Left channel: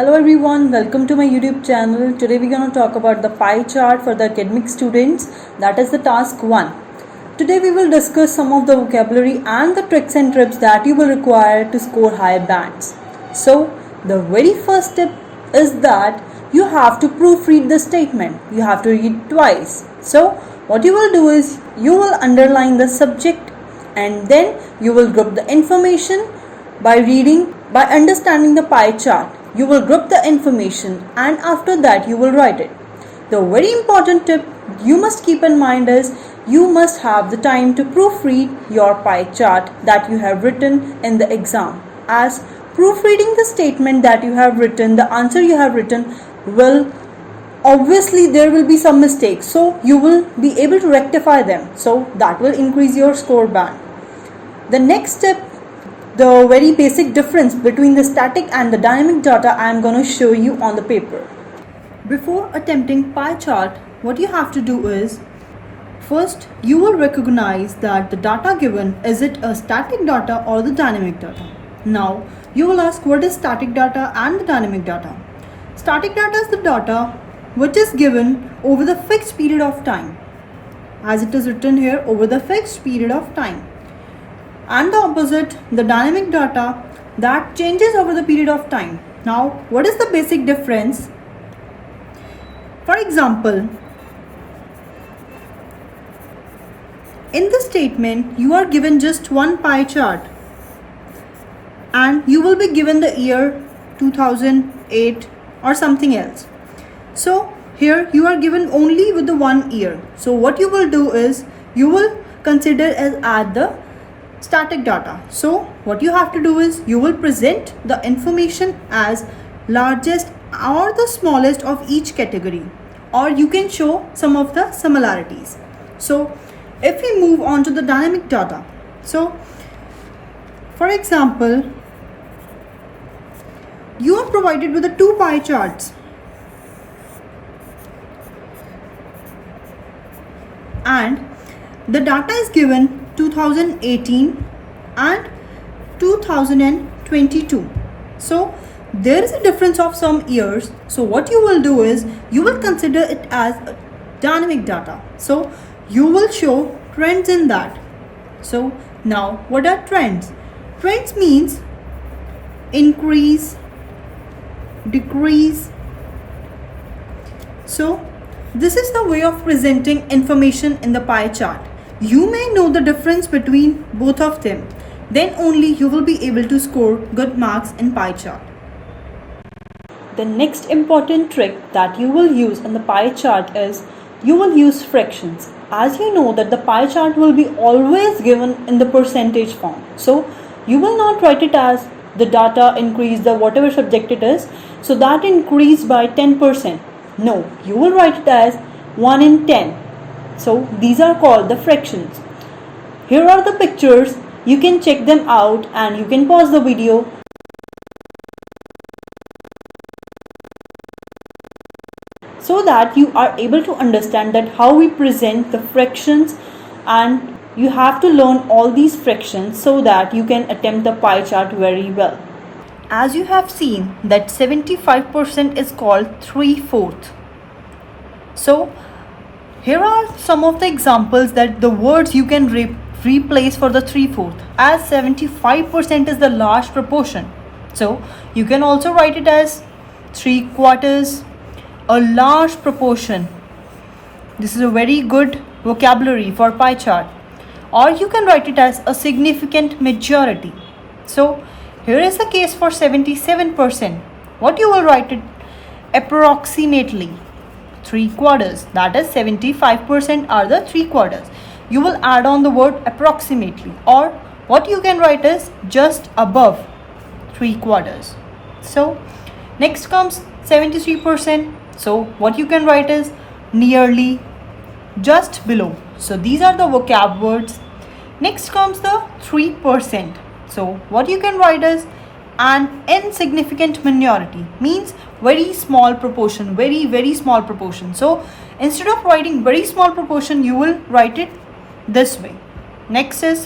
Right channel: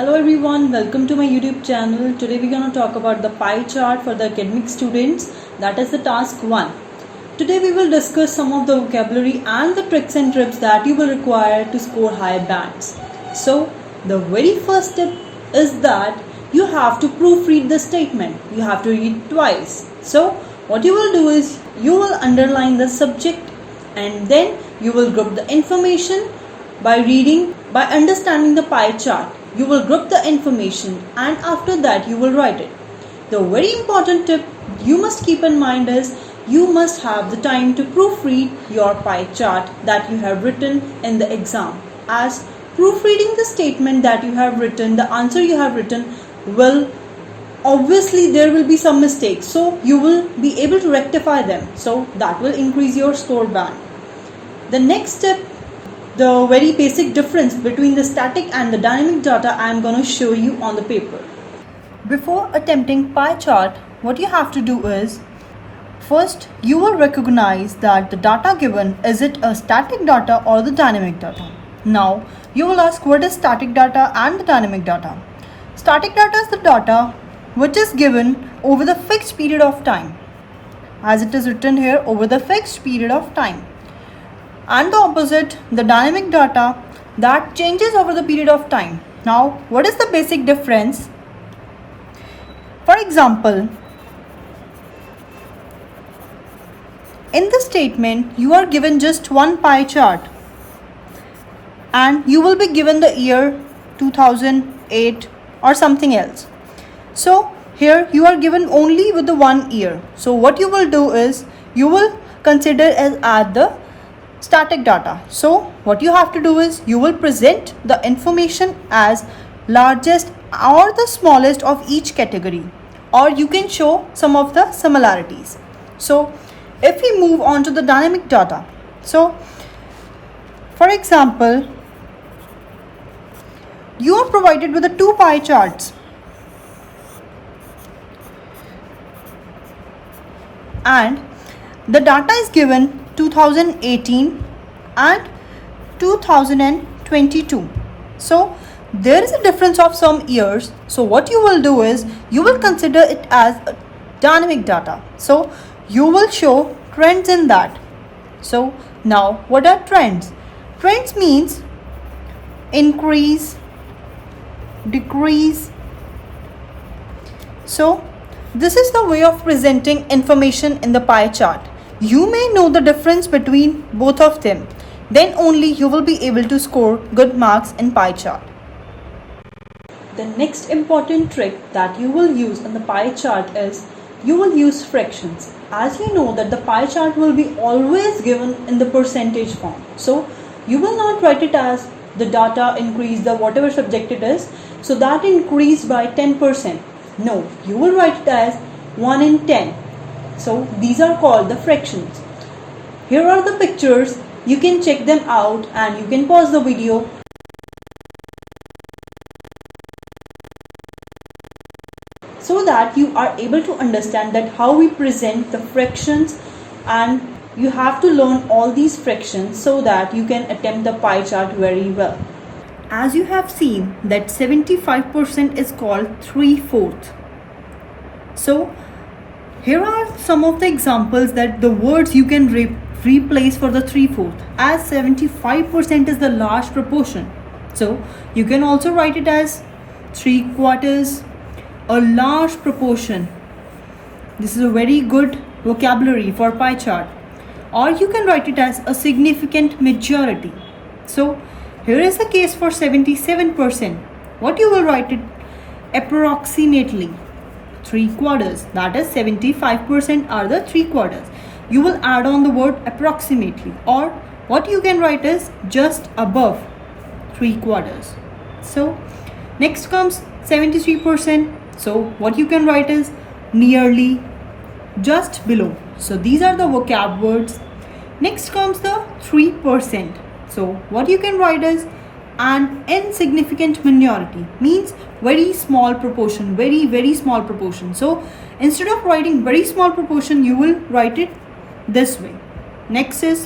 Hello everyone, welcome to my YouTube channel. Today we're going to talk about the pie chart for the academic students. That is the task 1. Today we will discuss some of the vocabulary and the tricks and tips that you will require to score high bands. So the very first tip is that you have to proofread the statement. You have to read twice. So what you will do is you will underline the subject and then you will group the information by understanding the pie chart. You will group the information and after that you will write it. The very important tip you must keep in mind is you must have the time to proofread your pie chart that you have written in the exam. As proofreading the statement that you have written, the answer you have written will obviously there will be some mistakes, so you will be able to rectify them, so that will increase your score band. The next step, the very basic difference between the static and the dynamic data, I am going to show you on the paper. Before attempting pie chart, what you have to do is, first you will recognize that the data given, is it a static data or the dynamic data? Now you will ask, what is static data and the dynamic data? Static data is the data which is given over the fixed period of time, as it is written here, over the fixed period of time. And the opposite, the dynamic data, that changes over the period of time. Now what is the basic difference? For example, in the statement you are given just one pie chart and you will be given the year 2008 or something else. So here you are given only with the 1 year. So what you will do is you will consider as add the static data. So what you have to do is you will present the information as largest or the smallest of each category, or you can show some of the similarities. So if we move on to the dynamic data, so for example, you are provided with the 2 pie charts and the data is given 2018 and 2022. So there is a difference of some years. So what you will do is you will consider it as dynamic data. So you will show trends in that. So now what are trends? Trends means increase, decrease. So this is the way of presenting information in the pie chart. You may know the difference between both of them. Then only you will be able to score good marks in pie chart. The next important trick that you will use in the pie chart is you will use fractions. As you know that the pie chart will be always given in the percentage form. So you will not write it as the data increase, the whatever subject it is, so that increased by 10%. No, you will write it as 1 in 10. So these are called the fractions. Here are the pictures. You can check them out and you can pause the video. So that you are able to understand that how we present the fractions, and you have to learn all these fractions so that you can attempt the pie chart very well. As you have seen that 75% is called 3/4. So here are some of the examples that the words you can replace for the 3/4, as 75% is the large proportion. So you can also write it as 3/4, a large proportion. This is a very good vocabulary for pie chart. Or you can write it as a significant majority. So here is the case for 77%. What you will write it? Approximately 3/4, that is 75% are the 3/4. You will add on the word approximately, or what you can write is just above 3/4. So next comes 73%. So what you can write is nearly, just below. So these are the vocab words. Next comes the 3%. So what you can write is an insignificant minority, means very small proportion, very small proportion. So instead of writing very small proportion, you will write it this way. Next is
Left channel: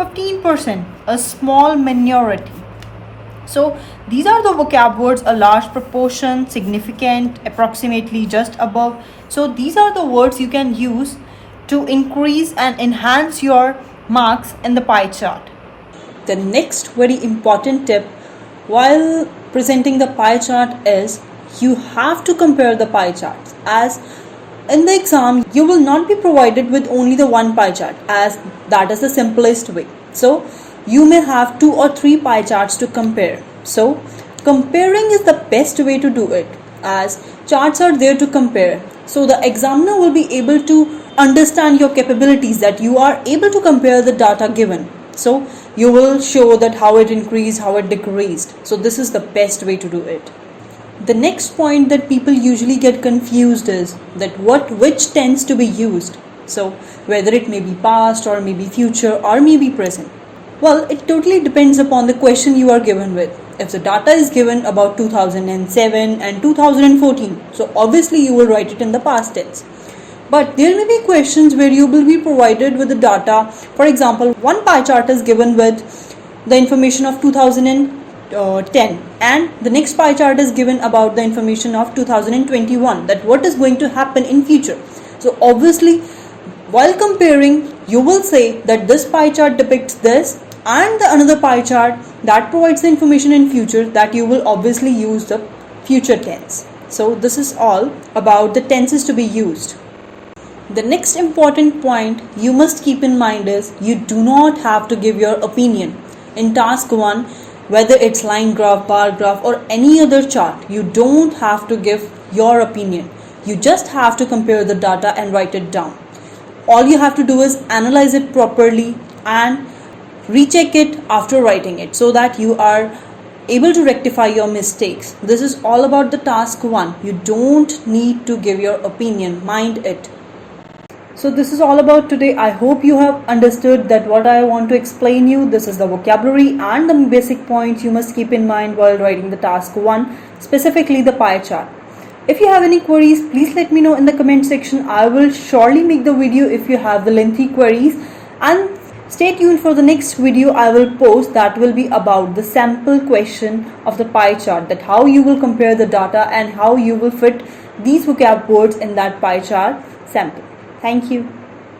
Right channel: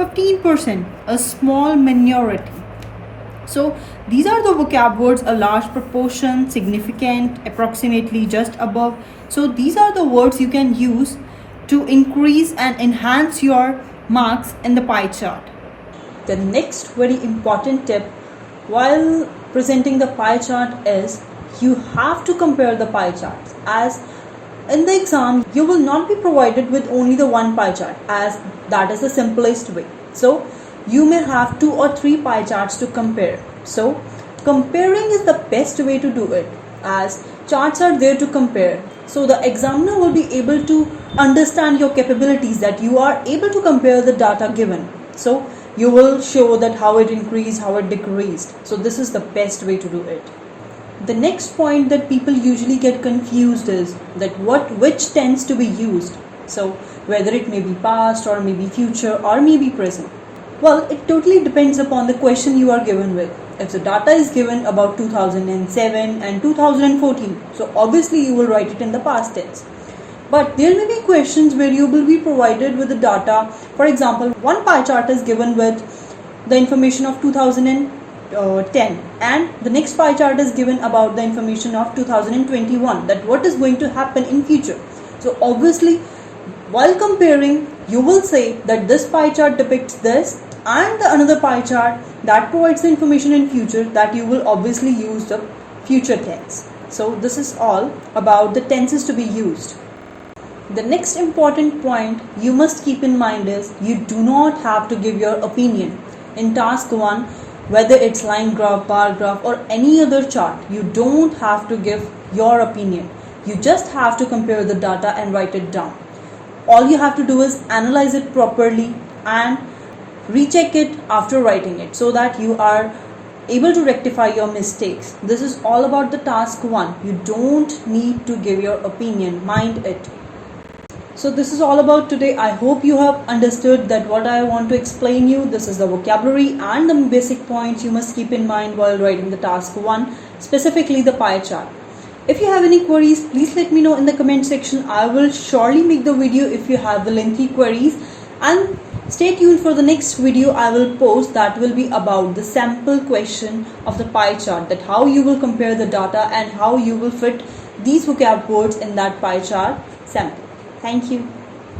15%, a small minority. So these are the vocab words: a large proportion, significant, approximately, just above. So these are the words you can use to increase and enhance your marks in the pie chart. The next very important tip while presenting the pie chart is you have to compare the pie charts, as in the exam you will not be provided with only the one pie chart, as that is the simplest way. So you may have 2 or 3 pie charts to compare. So comparing is the best way to do it, as charts are there to compare. So the examiner will be able to understand your capabilities, that you are able to compare the data given. So you will show that how it increased, how it decreased. So this is the best way to do it. The next point that people usually get confused is that which tense to be used. So whether it may be past or maybe future or maybe present. Well, it totally depends upon the question you are given with. If the data is given about 2007 and 2014, so obviously you will write it in the past tense. But there may be questions where you will be provided with the data. For example, one pie chart is given with the information of 2010 and the next pie chart is given about the information of 2021, that what is going to happen in future. So obviously while comparing, you will say that this pie chart depicts this and the another pie chart that provides the information in future, that you will obviously use the future tense. So this is all about the tenses to be used. The next important point you must keep in mind is you do not have to give your opinion. In task 1, whether it's line graph, bar graph or any other chart, you don't have to give your opinion. You just have to compare the data and write it down. All you have to do is analyze it properly and recheck it after writing it, so that you are able to rectify your mistakes. This is all about the task 1. You don't need to give your opinion, mind it. So this is all about today. I hope you have understood that what I want to explain you. This is the vocabulary and the basic points you must keep in mind while writing the task 1, specifically the pie chart. If you have any queries, please let me know in the comment section. I will surely make the video if you have the lengthy queries, and stay tuned for the next video I will post, that will be about the sample question of the pie chart, that how you will compare the data and how you will fit these vocab words in that pie chart sample. Thank you.